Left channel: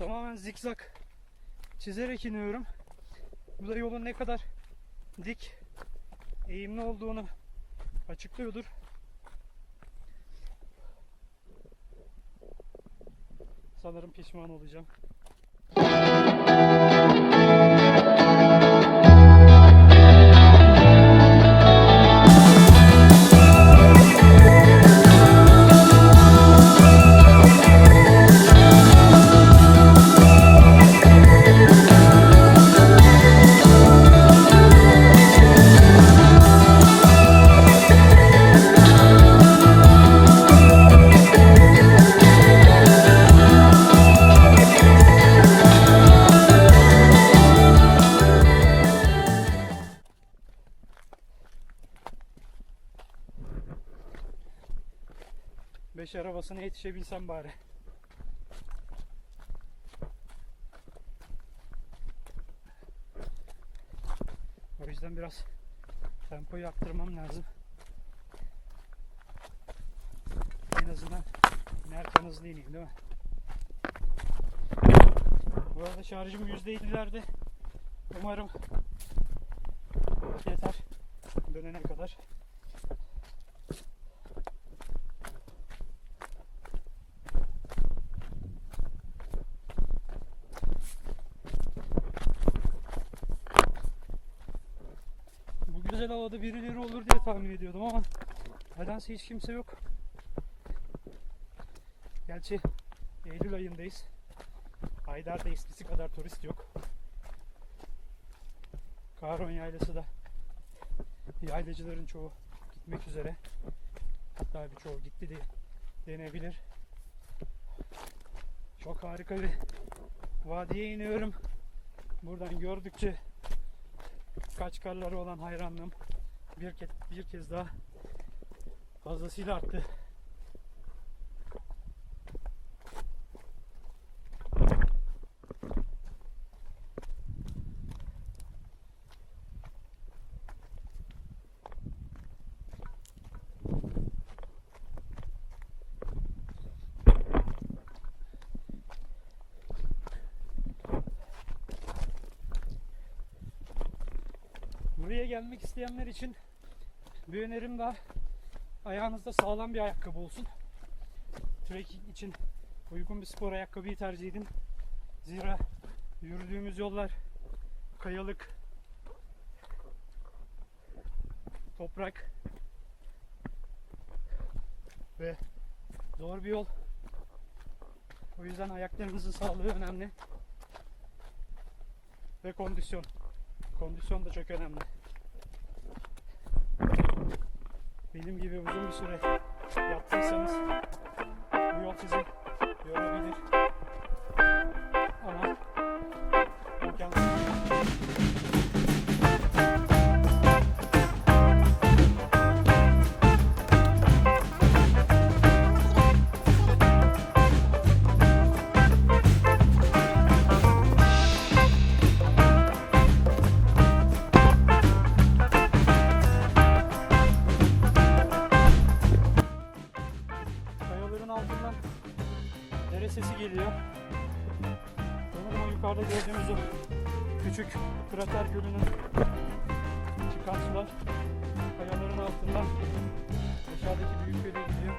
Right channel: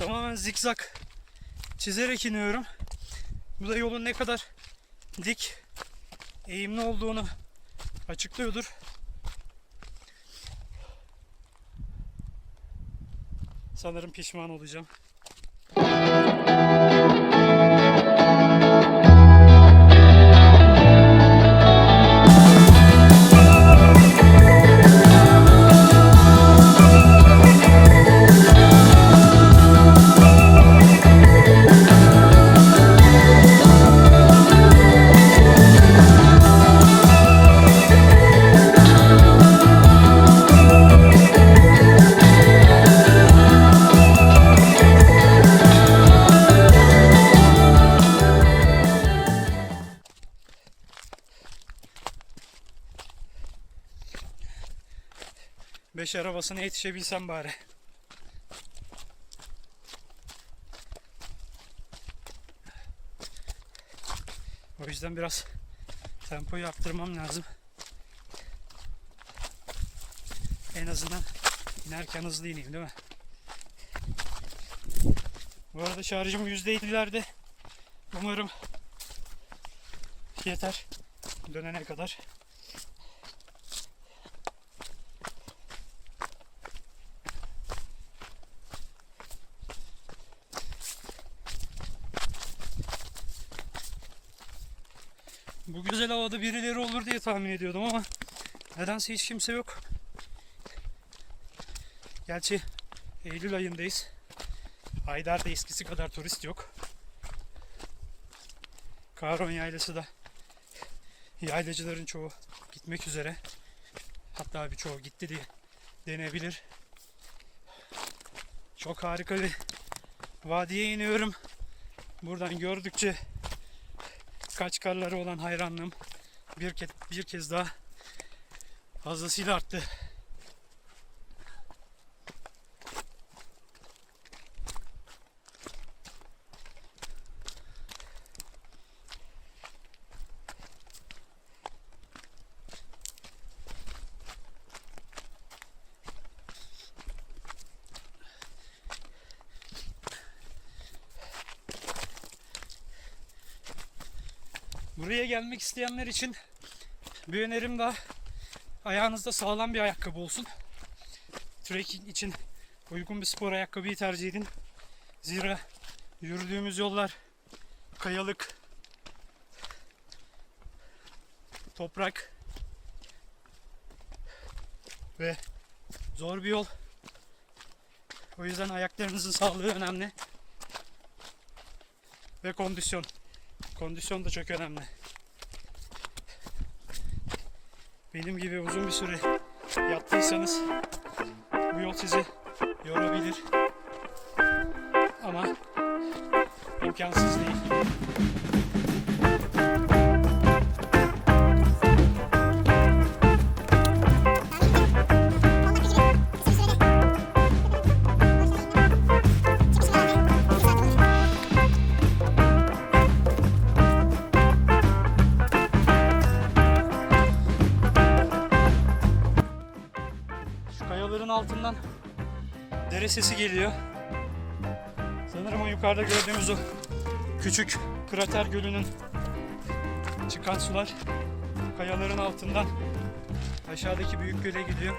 Tamamen zikzak çizerek iniyorum. Bu da yolun ne kadar dik, eğimli olduğunu açıklıyordur. Sanırım pişman olacağım. Beş arabasına yetişebilsem bari. O yüzden biraz tempoyu arttırmam lazım. En azından inerken hızlı ineyim değil mi? Bu arada şarjım %50'lerde. Umarım yeter dönene kadar. Bu güzel havada birileri olur diye tahmin ediyordum ama nedense hiç kimse yok. Gerçi Eylül ayındayız. Aydar'da eskisi kadar turist yok. Kahraman Yaylası da yaylacıların çoğu gitmek üzere. Hatta birçoğu gitti diye denebilir. Çok harika bir vadiye iniyorum. Buradan gördükçe Kaçkarları olan hayranlığım bir kez, bir kez daha fazlasıyla arttı. Buraya gelmek isteyenler için bir önerim daha ayağınızda sağlam bir ayakkabı olsun. Trekking için uygun bir spor ayakkabıyı tercih edin. Zira yürüdüğümüz yollar kayalık, toprak ve zor bir yol. O yüzden ayaklarınızın sağlığı önemli. Ve kondisyon. Kondisyon da çok önemli. Benim gibi uzun bir süre yattıysanız bu yol sizi yorabilir. Ama imkansız değil. Yukarıda gördüğümüz o küçük krater gölünün çıkan sular kayaların altından aşağıdaki büyük göle gidiyor.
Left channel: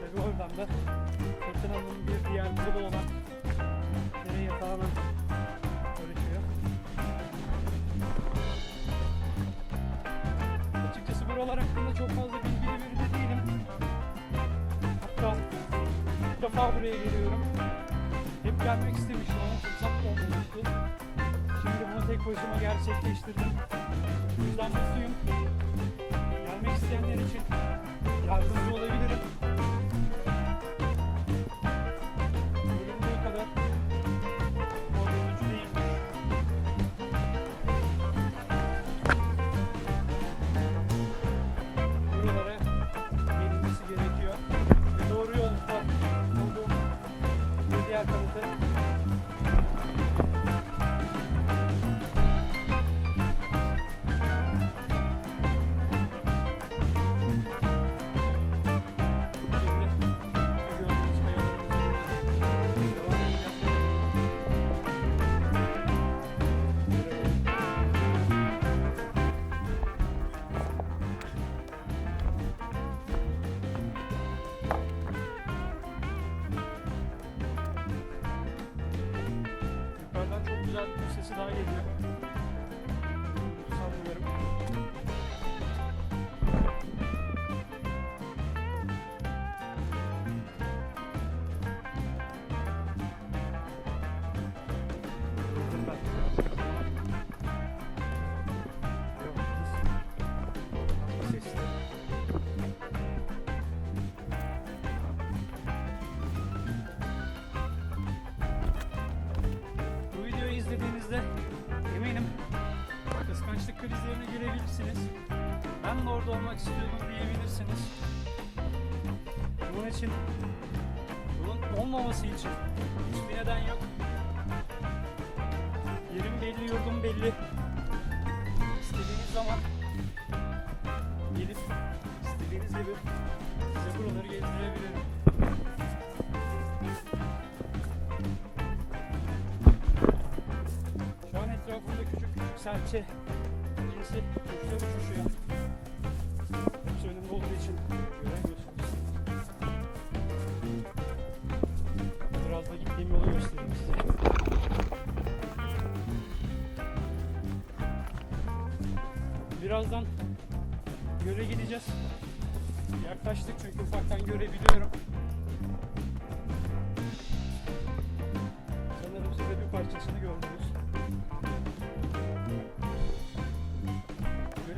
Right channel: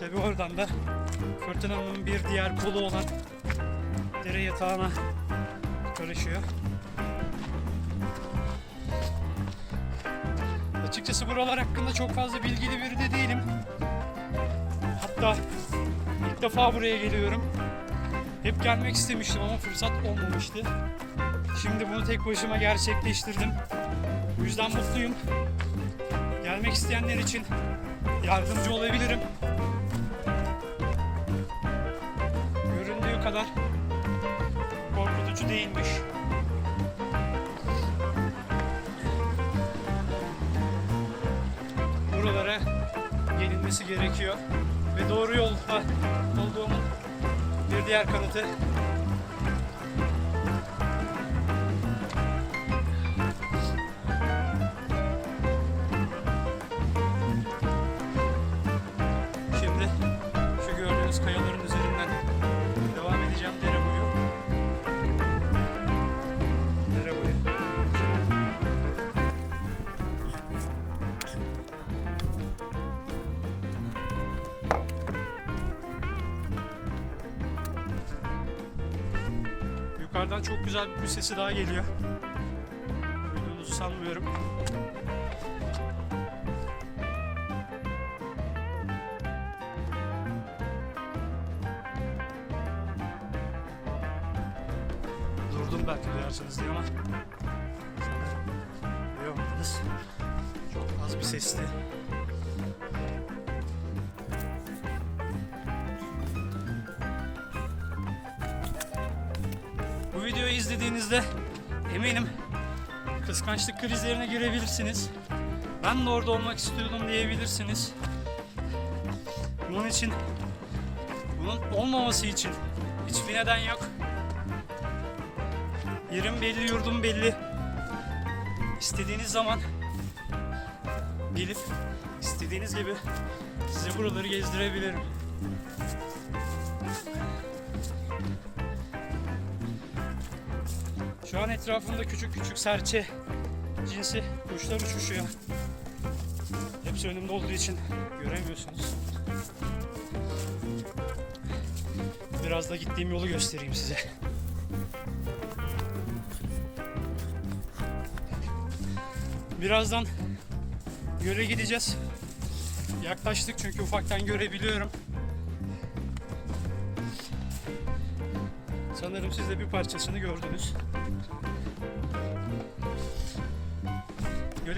Tabi oradan da fırtınanın bir diğer kolu olan dere yatağına karışıyor. Açıkçası buralar hakkında çok fazla bilgili biri de değilim. Hatta ilk defa buraya geliyorum. Gelmek istemiştim ama fırsat olmamıştı. Şimdi bunu tek başıma gerçekleştirdim. Bu yüzden mutluyum. Gelmek isteyenler için yardımcı olabilirim. Göründüğü kadar korkutucu değilmiş. Buralara gelinmesi gerekiyor ve doğru yolda diğer kanıtı Yukarıdan çok güzel bir sesi daha geliyor. İzlediğinizde eminim kıskançlık krizlerine girebilirsiniz. Ben de orada olmak istiyordum diyebilirsiniz. Bunun için bunun olmaması için hiçbir neden yok. Yerim belli, yurdum belli. İstediğiniz zaman gelip istediğiniz gibi size buraları gezdirebilirim. Şu an etrafımda küçük küçük serçe cinsi kuşlar uçuşuyor. Hepsi önümde olduğu için göremiyorsunuz. Biraz da gittiğim yolu göstereyim size. Birazdan göle gideceğiz. Yaklaştık çünkü ufaktan görebiliyorum. Sanırım siz de bir parçasını gördünüz.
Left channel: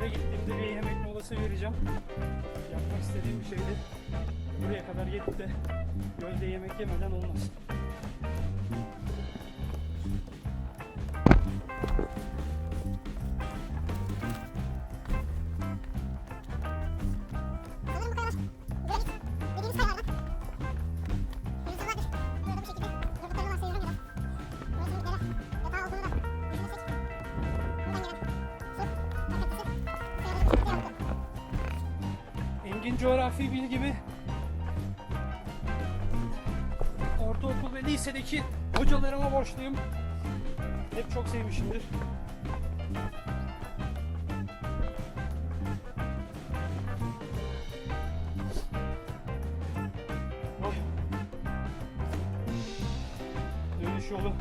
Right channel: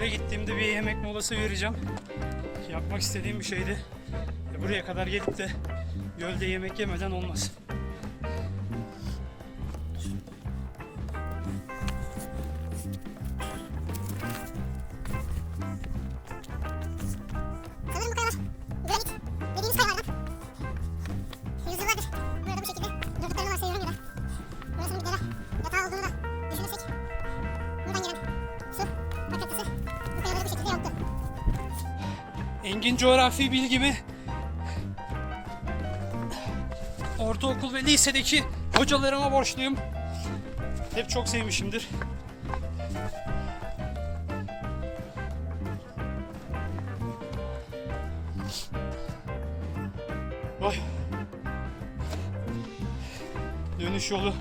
Göle gittiğimde bir yemek molası vereceğim. Yapmak istediğim bir şeydi. Buraya kadar gelip de gölde yemek yemeden olmaz. Coğrafi bilgimi ortaokul ve lisedeki hocalarıma borçluyum. Hep çok sevmişimdir. Oh. Dönüş yolu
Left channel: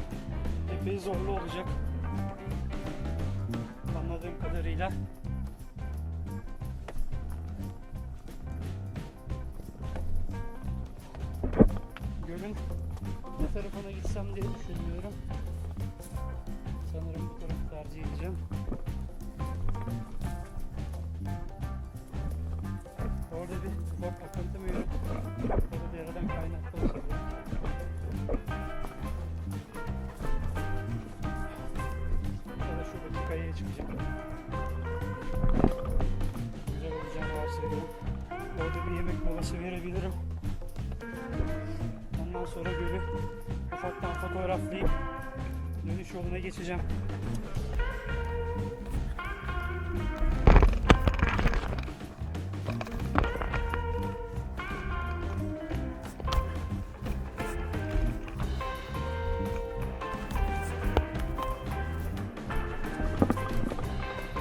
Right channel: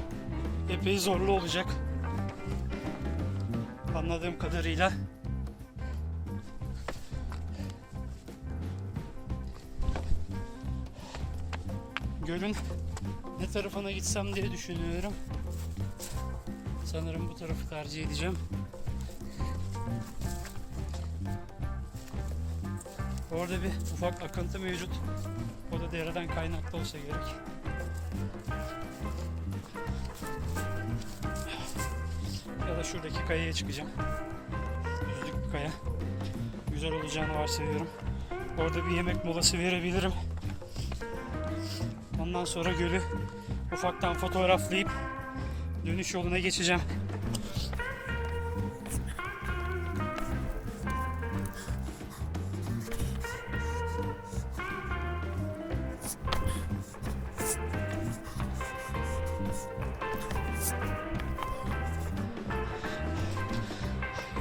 epey zorlu olacak. Anladığım kadarıyla. Tarafına gitsem diye düşünüyorum. Sanırım bu tarafı tercih edeceğim. Orada bir ufak akıntı mevcut. O da dereden kaynaklı olsa gerek. Ya da şuradaki kayaya çıkacağım. Kaya. Güzel olacağını varsayıyorum. Orada bir yemek molası verebilirim. Ondan sonra gölü ufaktan fotoğraflayıp dönüş yoluna geçeceğim.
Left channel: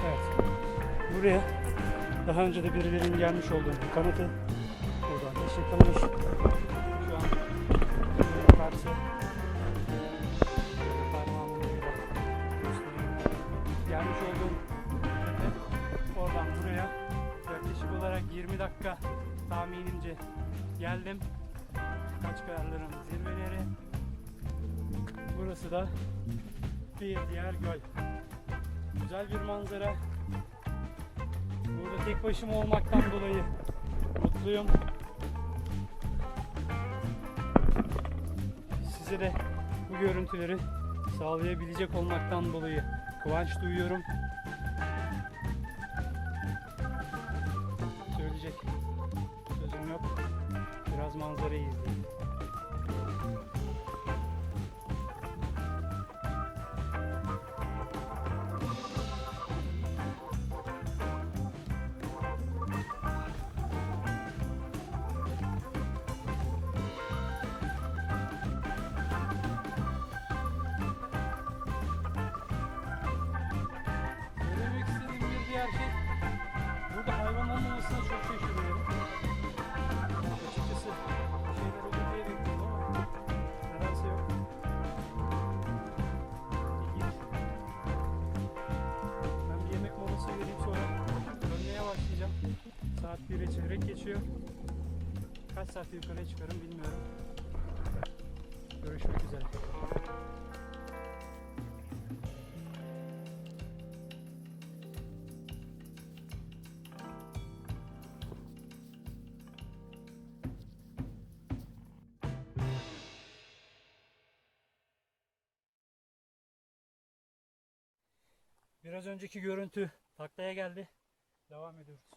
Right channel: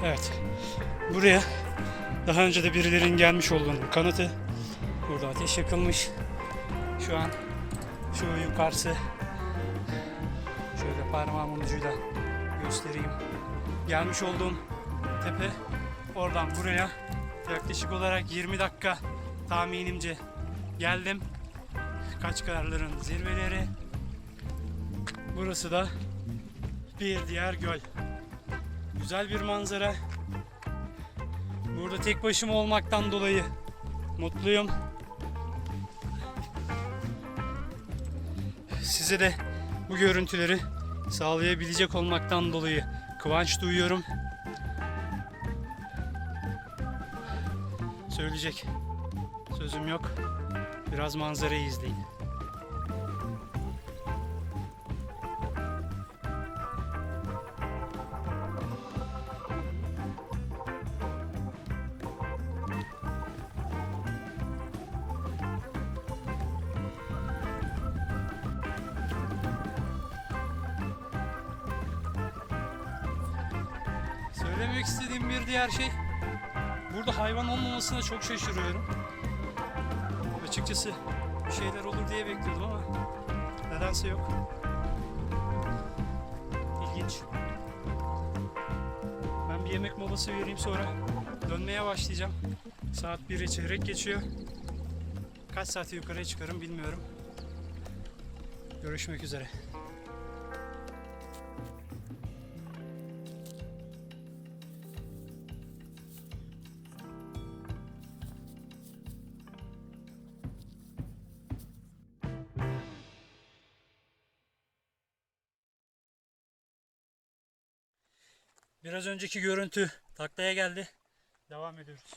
Evet. Buraya daha önce de birilerinin gelmiş olduğunu kanıtı. Burada ateş yakılmış. Şu an şu yukarısı Gelmiş olduğum tepe oradan buraya yaklaşık olarak 20 dakika tahminimce geldim. Kaçkarların zirveleri. Burası da bir diğer göl. Güzel bir manzara. Burada tek başıma olmaktan dolayı mutluyum. Size de bu görüntüleri sağlayabilecek olmaktan dolayı kıvanç duyuyorum. Söyleyecek sözüm yok. Biraz manzarayı izleyin. diğer şey burada hayvan olmamasına çok şaşırıyorum. Açıkçası bir şeyler olur diye bekliyordum ama nedense yok. İlginç. Ben bir yemek molası vereyim sonra dönmeye başlayacağım. Saat 1'e çeyrek geçiyor. Kaç saate yukarıya çıkarım bilmiyorum. Görüşmek üzere. Biraz önceki görüntü taklaya geldi. Devam ediyoruz.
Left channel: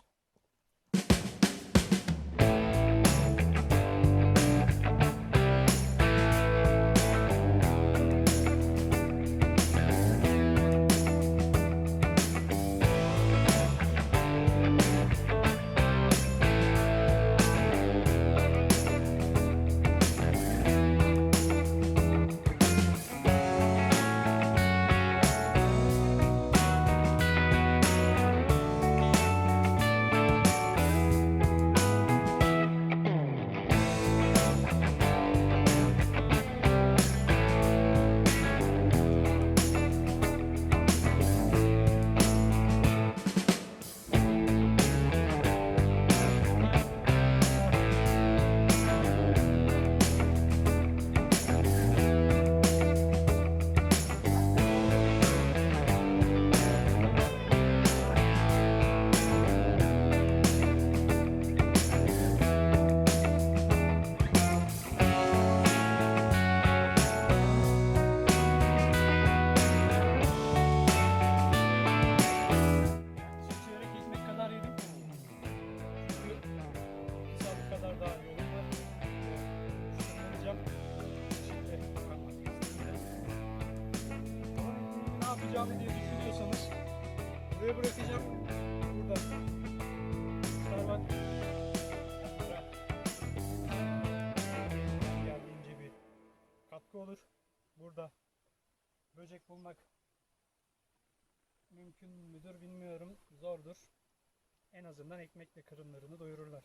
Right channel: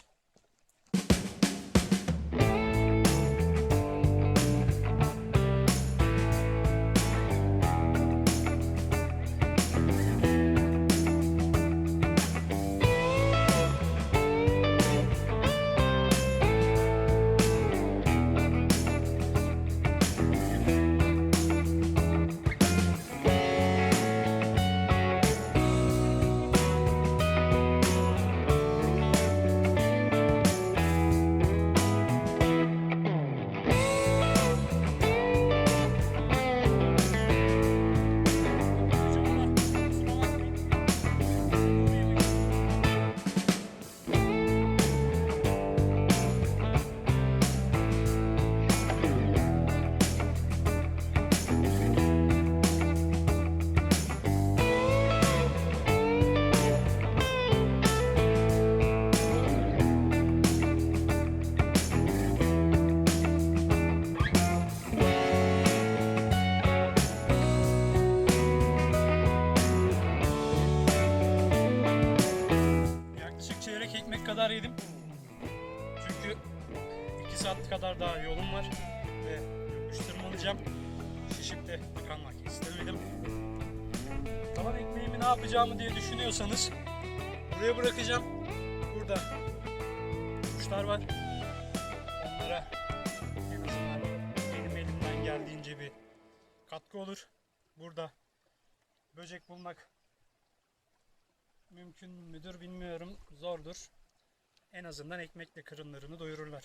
Yapacağımı diye düşünüyorsanız buraya bırakacağım. Burada kuşlar var. Onlara benim elimden geldiğince bir katkı olur. Burada böcek bulmak mümkün müdür bilmiyorum. Zordur. En azından ekmekle karınlarını doyururlar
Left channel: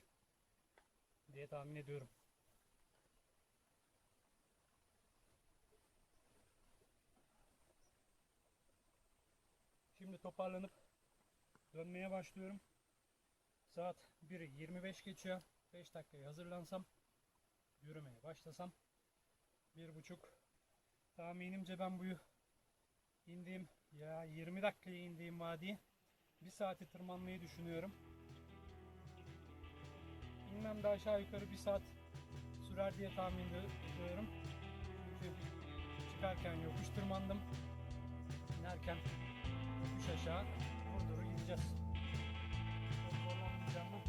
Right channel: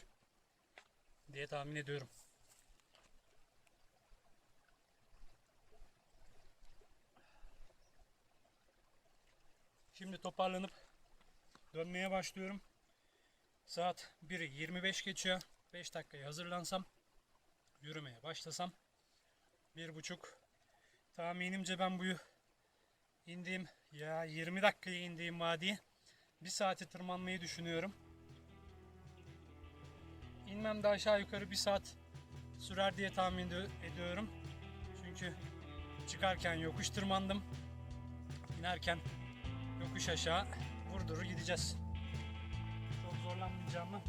diye tahmin ediyorum. Şimdi toparlanıp dönmeye başlıyorum. Saat 1'i 25 geçiyor. 5 dakikaya hazırlansam, yürümeye başlasam, bir buçuk tahminimce ben bu indiğim ya 20 dakikaya indiğim vadiye bir saati tırmanmayı düşünüyorum. İnmem de aşağı yukarı bir saat sürer diye tahmin ed- ediyorum. Çünkü çıkarken yokuş tırmandım. İnerken yokuş aşağı vurduru gideceğiz. Çok zorlanmayacağımı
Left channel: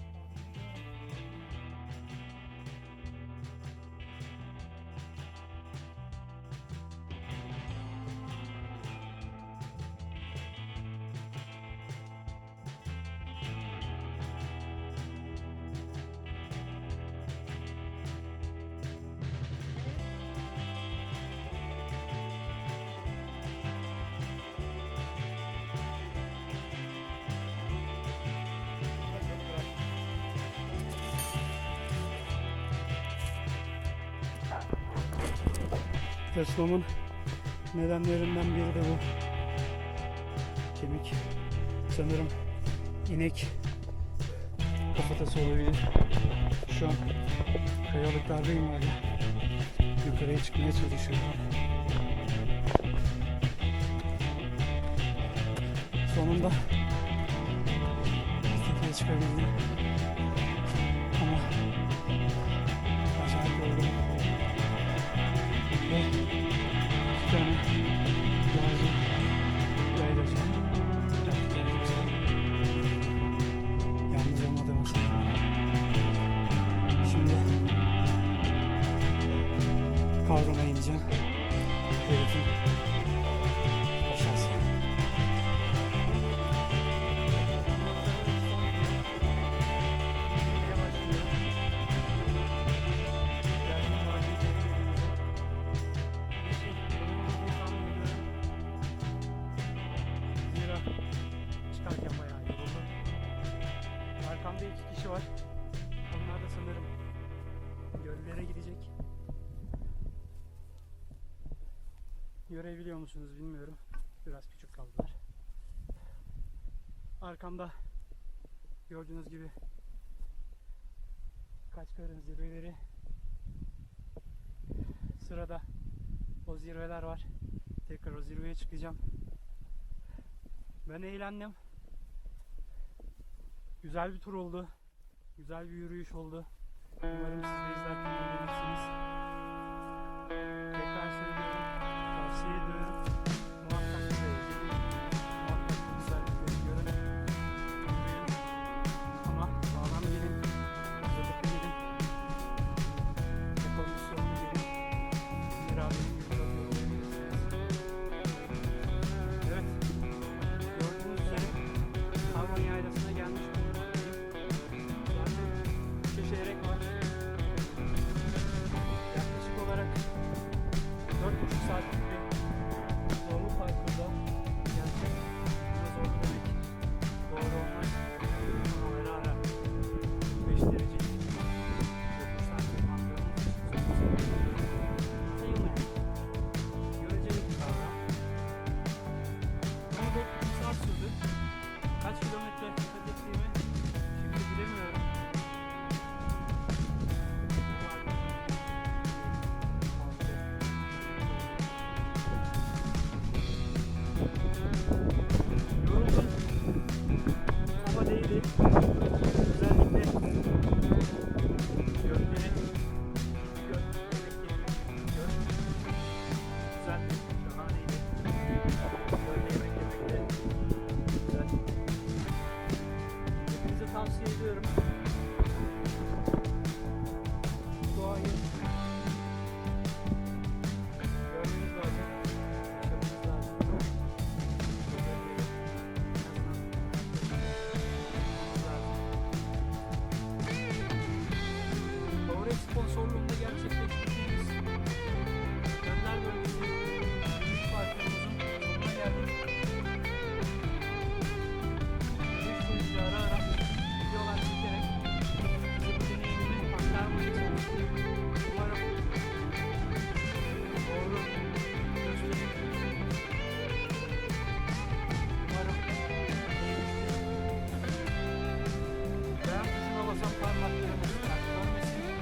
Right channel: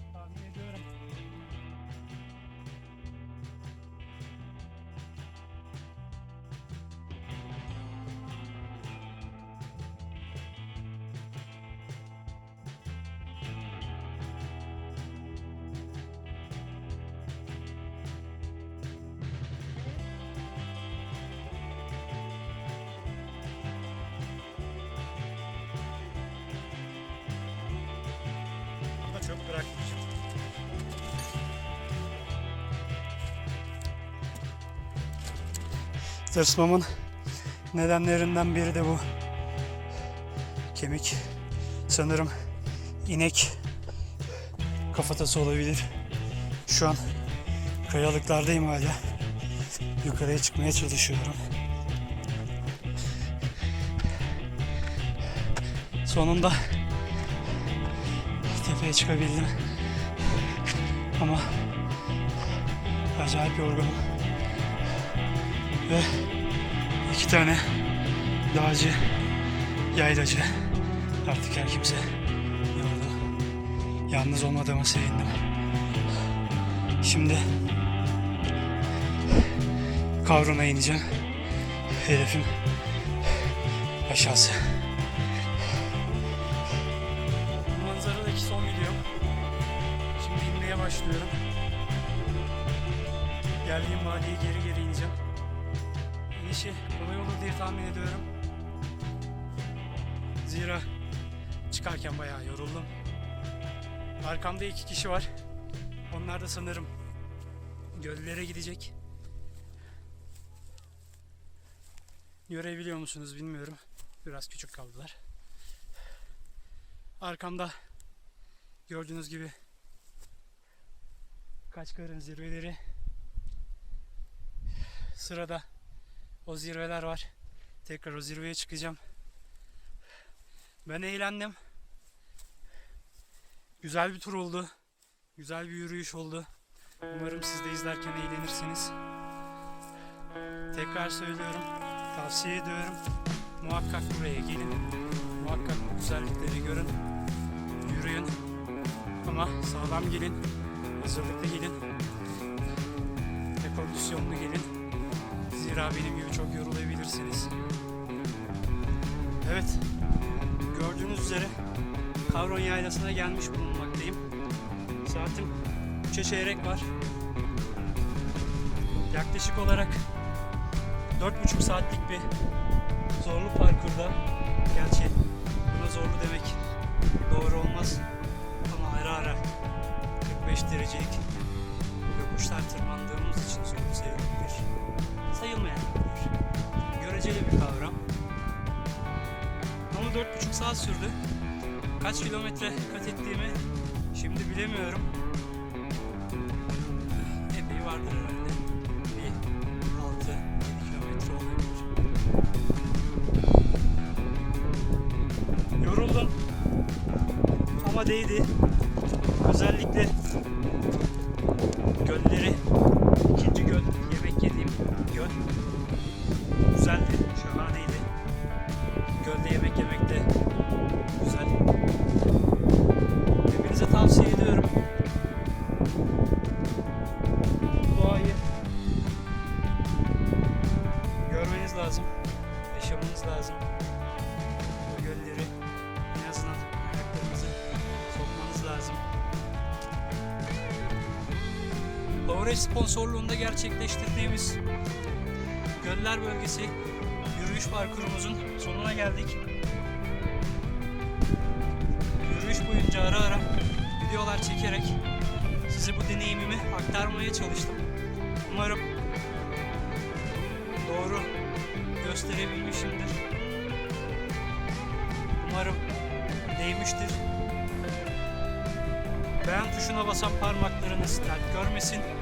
Tırsmamın nedenlerinden biri de bu. Kemik. Sanırım inek kafatası olabilir. Şu an kayalıklardayım hala. Yukarıya çıkmaya çalışıyorum. Sonunda tepeye çıkabildim. Ama acayip yorgunum. Ve iki tane dağcı, yaylacı, artık her kimse yoruldu. Yalnız olmadığıma sevindim. Şimdi Kavrun'a ineceğim. Hedefim aşağısı. Arkamda iki kişi var. Onlar da sanırım göllere gidecek. Görebiliyor musunuz bilmiyorum. Biraz küçük kaldılar. Arkamda gördüğünüz gibi Kaçkar'ın zirveleri. Sırada o zirveler var. Tekrar o zirveye çıkacağım. Ben eğlendim. Güzel bir tur oldu. Güzel bir yürüyüş oldu. Umarım siz de izlerken eğlenirsiniz. Tekrar söylüyorum. Tavsiye ediyorum. Muhakkak buraya gelin. Muhakkak bu güzellikleri görün. Yürüyün. Ama sağlam gelin. Hazırlıklı gelin. Ve kondisyonlu gelin. Zira benim gibi çok yorulabilirsiniz. Evet. Gördüğünüz üzere Kavron Yaylası'na gelmiş bulunmaktayım. Saatim 3'e çeyrek var. Yaklaşık olarak 4,5 saatlik bir zorlu parkurda gerçi buna zorlu demek doğru olmaz ama ara ara 45 derecelik yokuşlar tırmandığımız için zorlu sayılabilir. Sayılmayan göreceli bir kavram. Ama 4,5 saat sürdü. Kaç kilometre kat ettiğimi şimdi bilemiyorum. Epey vardır herhalde. Bir 6 kilometre olabilir. Yoruldum. Ama değdi. Özellikle Doğayı görmeniz lazım, yaşamanız lazım. Bu gölleri en azından ayaklarınızı sokmanız lazım. Powerade sponsorluğunda gerçekleştirdiğimiz Göller Bölgesi yürüyüş parkurumuzun sonuna geldik. Yürüyüş boyunca ara ara videolar çekerek size bu deneyimimi aktarmaya çalıştım. Umarım doğru gösterebilmişimdir. Umarım değmiştir. Beğen tuşuna basan parmaklarınız dert görmesin.